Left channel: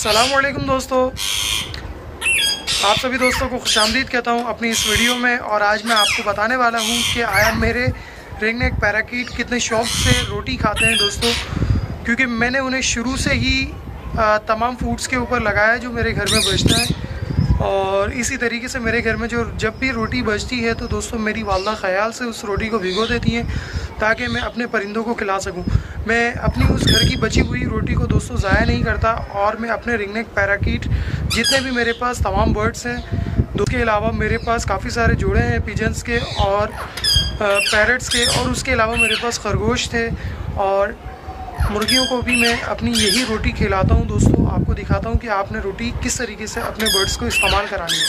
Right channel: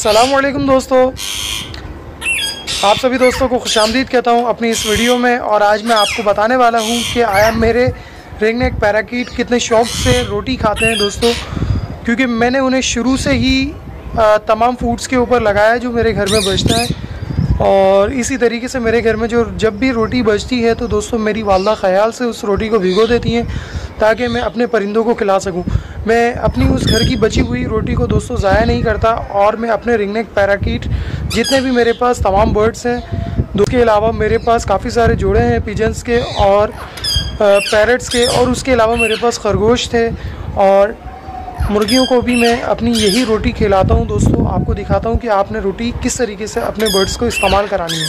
अस्सलाम वालेकुम दोस्तों, आप सभी दोस्तों को खुशामदीद कहता हूं अपनी इस वीडियो में। और आज मैं आपको बताने वाला हूं कि आया मेरे रिंग नेक पैराकीट कितने शौक़ से रोटी खाते हैं दोस्तों, क्योंकि मैंने उन्हें शुरू से ही तमाम फूड्स के ऊपर लगाया जो मेरे घर में बचता है। और इसी तरीके से मेरे घर में जब भी रोटी बचती है तो दोस्तों मेरी वालदा ख़याल से उस रोटी को भिगो देती हैं ताकि मैं अपने परिंदों को खिला सकूं। मैं अपनी उस घर की बची हुई रोटी को दोस्तों ज़ाया नहीं करता और मैं अपने रिंग नेक पैराकीट जितने भी मेरे पास तमाम बर्ड्स हैं, उसके अलावा मेरे पास काफ़ी सारे जोड़े हैं पिजन्स के और पैरट्स के, और उसके अलावा मेरे पास खरगोश थे और मुर्गियों को भी मैं अपनी यही रोटी खिलाता हूं। दोस्तों आपको दिखाता हूं कि आपने रोटी किस तरीके से अपने बर्ड्स को इस्तेमाल करानी है।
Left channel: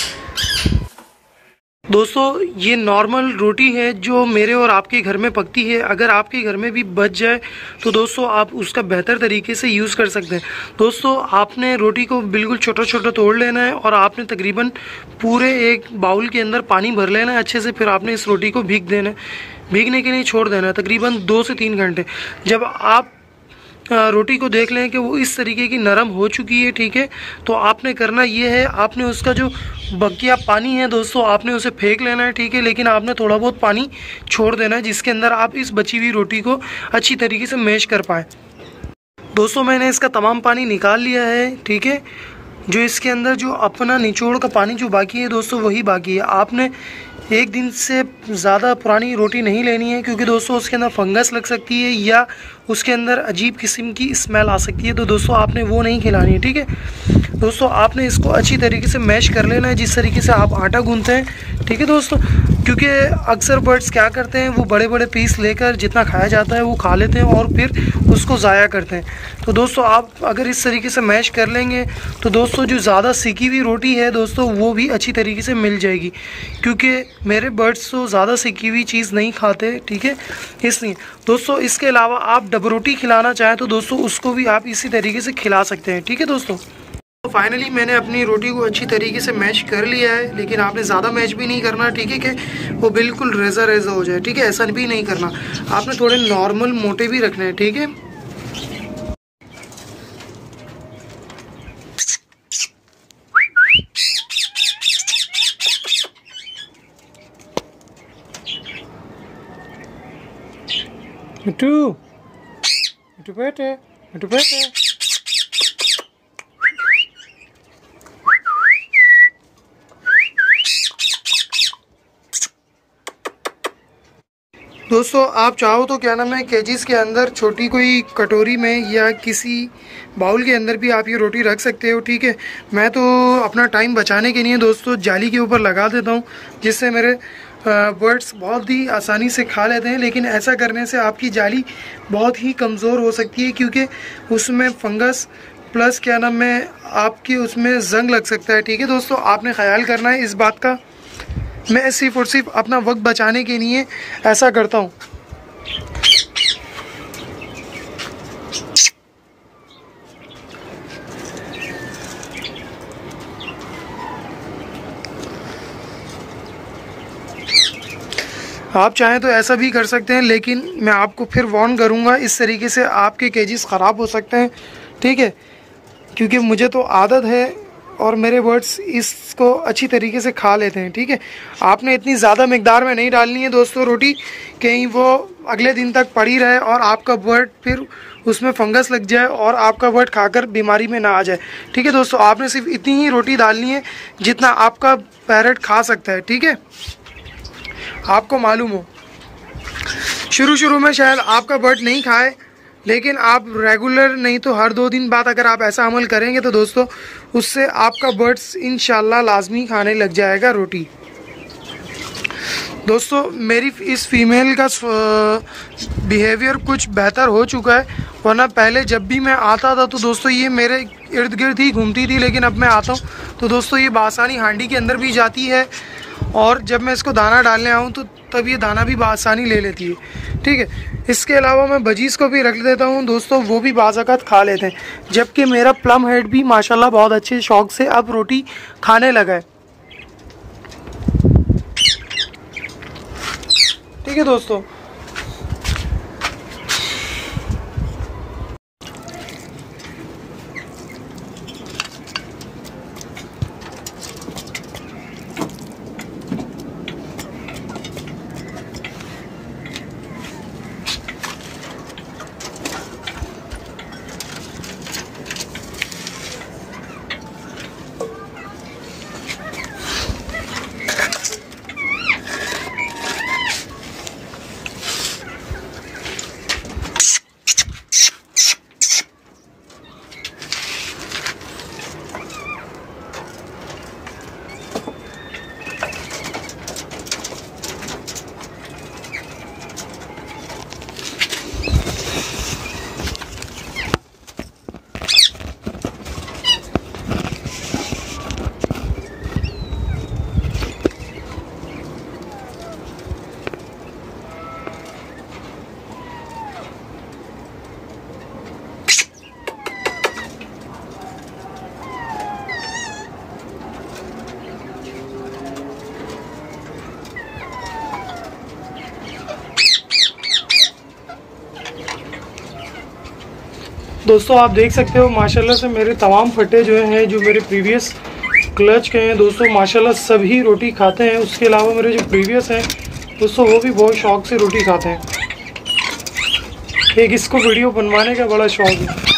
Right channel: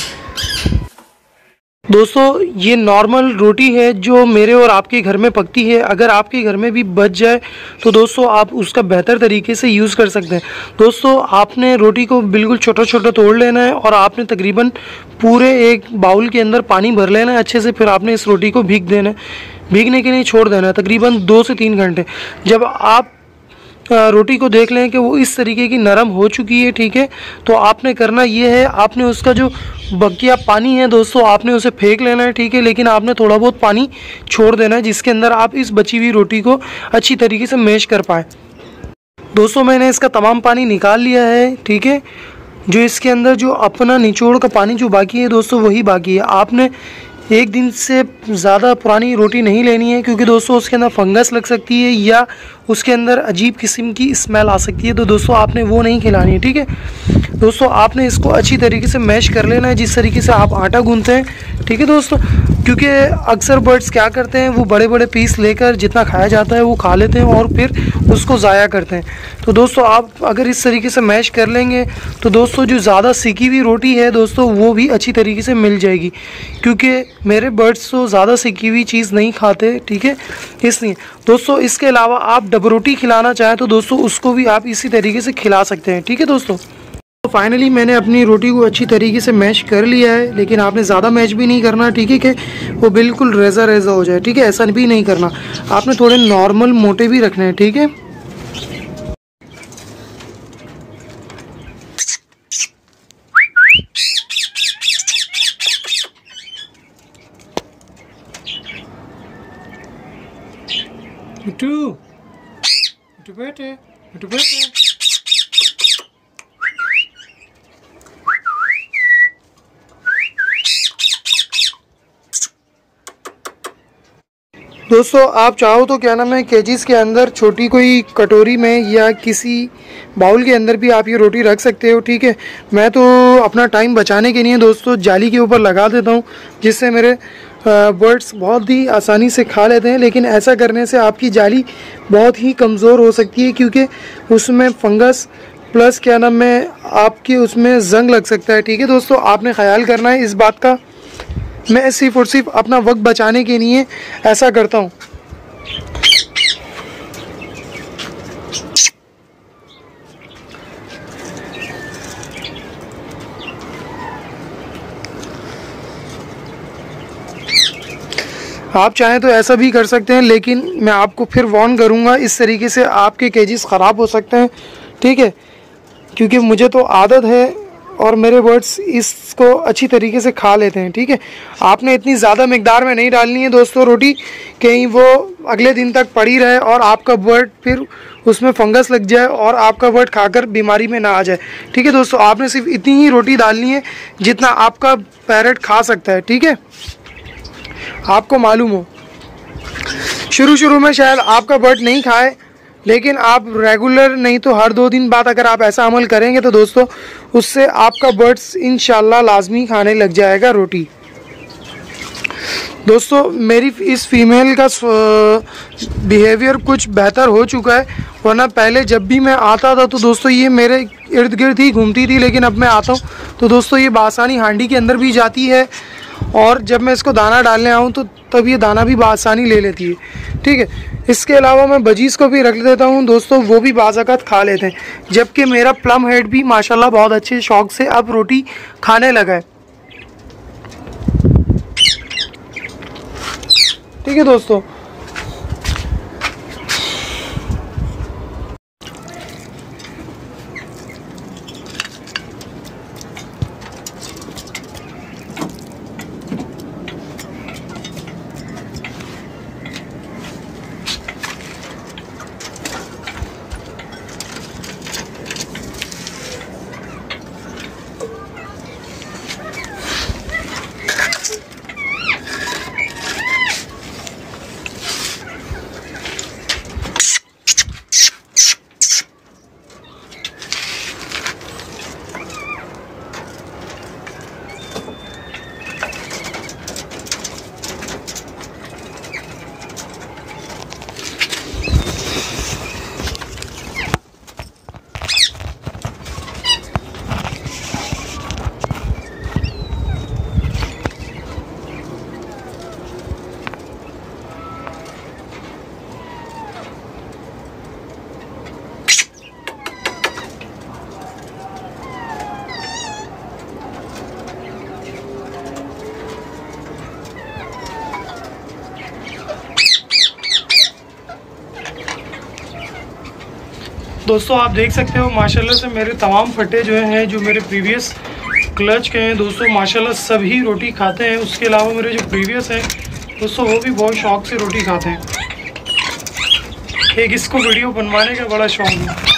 दोस्तों ये नॉर्मल रोटी है जो मेरे और आपके घर में पकती है। अगर आपके घर में भी बच जाए तो दोस्तों आप उसका बेहतर तरीके से यूज़ कर सकते हैं। दोस्तों आपने रोटी को बिल्कुल छोटा छोटा तोड़ लेना है और आपने तकरीबन पूरे एक बाउल के अंदर पानी भर लेना है अच्छे से। फिर आपने इस रोटी को भीग देना है, भीगने के लिए छोड़ देना है तकरीबन 2 से 3 घंटे। जब आप रोटी को देख लें कि वो इस तरीके की नरम हो चुकी है, ठीक है, तो आपने करना ये है, आपने उसका जो बकिया पानी है दोस्तों आपने उसे फेंक लेना है, ठीक है, लेकिन आपने थोड़ा बहुत पानी छोड़ देना है जिसके अंदर आप इस बची हुई रोटी को अच्छी तरीके से मैश कर पाए। दोस्तों मैंने इसका तमाम पानी निकाल लिया है, ठीक है। जो इसके अंदर जो अपना निचोड़ का पानी जो बाकी है दोस्तों वही बाकी है। आपने एक दिन से ज़्यादा पुरानी रोटी नहीं लेनी है क्योंकि दोस्तों उसके अंदर फंगस लग सकती है या उसके अंदर अजीब किस्म की स्मेल आ सकती है, तो दोस्तों आपने वो नहीं खिलानी है, ठीक है। दोस्तों आपने इसको अच्छी तरीके से मैश कर लेना है जिस तरीके से आप आटा गूंथते हैं, ठीक है दोस्तों, क्योंकि अक्सर बर्ड्स क्या करते हैं वो बड़े बड़े पीस लेकर जितना खाया जाता है वो खा लेते हैं और फिर उसको ज़ाया करते हैं। तो दोस्तों आप अगर इस तरीके से मैश कर लेंगे तो दोस्तों जो ज़्यादा सिकी हुई रोटी है दोस्तों वो भी अच्छी तरीके से मिल जाएगी, क्योंकि मेरे बर्ड्स तो ज़्यादा सिकी हुई चीज़ नहीं खाते, ठीक है, इसलिए। दोस्तों इसके अलावा आप डब रोटी खिलाना चाहें तो दोस्तों उसको भी आप इसी तरीके से खिला सकते हैं, ठीक है दोस्तों। तो फाइनली मैंने अपनी रोटी को अच्छी तरीके से मैश कर लिया है, लेकिन आपने ज़्यादा मैश भी नहीं करना, ठीक है, कि वो बिल्कुल रेजा रेजा हो जाए, ठीक है, ऐसा भी नहीं करना। आपने थोड़े नॉर्मल मोटे भी रखने हैं, ठीक है। मिट्टू मिट्टू बैठे, मिट्टू बैठे। दोस्तों आप चाहो तो क्या नाम है केजीज के अंदर छोटी कोई कटोरी में या किसी बाउल के अंदर भी आप ये रोटी रख सकते हो, ठीक है। मैं तो अपना टाइम बचाने के लिए दोस्तों जाली के ऊपर लगा देता हूँ जिससे मेरे बर्ड्स बहुत ही आसानी से खा लेते हैं। लेकिन ऐसा करने से आपकी जाली बहुत ही कमज़ोर हो सकती है क्योंकि उसमें फंगस प्लस क्या नाम है आपके उसमें जंग लग सकता है, ठीक है दोस्तों। आपने ख्याल करना है इस बात का। मैं सिर्फ और सिर्फ अपना वक्त बचाने के लिए ऐसा करता हूँ। आप चाहें तो ऐसा भी कर सकते हैं, लेकिन मैं आपको फिर वार्न करूंगा, इस तरीके से आपके केजीज ख़राब हो सकते हैं, ठीक है, क्योंकि मुझे तो आदत है और मेरे बर्ड्स इसको अच्छी तरीके से खा लेते हैं, ठीक है। आपने इतनी ज़्यादा मिकदार में नहीं डालनी है दोस्तों रोटी, कहीं वो अगले दिन तक पड़ी रहे और आपका बर्ड फिर उसमें फंगस लग जाए और आपका बर्ड खाकर बीमारी में ना आ जाए, ठीक है दोस्तों। आपने सिर्फ इतनी ही रोटी डालनी है जितना आपका पैरट खा सकता है, ठीक है। आपको मालूम हो शुरू में शायद आपका बर्ड नहीं खाए, लेकिन आप रेगुलर नहीं तो हर 2 दिन बाद अगर आप ऐसा अमल करेंगे तो दोस्तों उससे आपका बर्ड्स इंशाल्लाह लाजमी खाने लग जाएगा रोटी। दोस्तों मेरी इस फीमेल का बिहेवियर कुछ बेहतर हो चुका है, वरना पहले जब भी मैं आता था तो दोस्तों ये मेरे इर्द गिर्द ही घूमती थी, लेकिन अब मैं आता हूँ तो दोस्तों ये बासानी हांडी के अंदर भी जाती है और जब मैं इसको दाना डालने आऊँ तो तब ये दाना भी बासानी ले लेती है, ठीक है। इसके अलावा मैं बजीज को भी रख देता हूँ दोस्तों, वो भी बाज़ाक़त खा लेते हैं, जबकि मेरा प्लम हेड भी माशाल्लाह बहुत अच्छे शौक से अब रोटी खाने लगा है, ठीक है दोस्तों। दोस्तों आप देख सकते हो माशाल्लाह से मेरे तमाम फटे जो हैं, जो मेरे प्रीवियस क्लच के हैं दोस्तों, माशाल्लाह सभी रोटी खाते हैं। उसके अलावा मेरे जो प्रीवियस हैं दोस्तों, वो भी बहुत शौक से रोटी खाते हैं। एक इसको वीडियो बनवाने का बड़ा शौक है।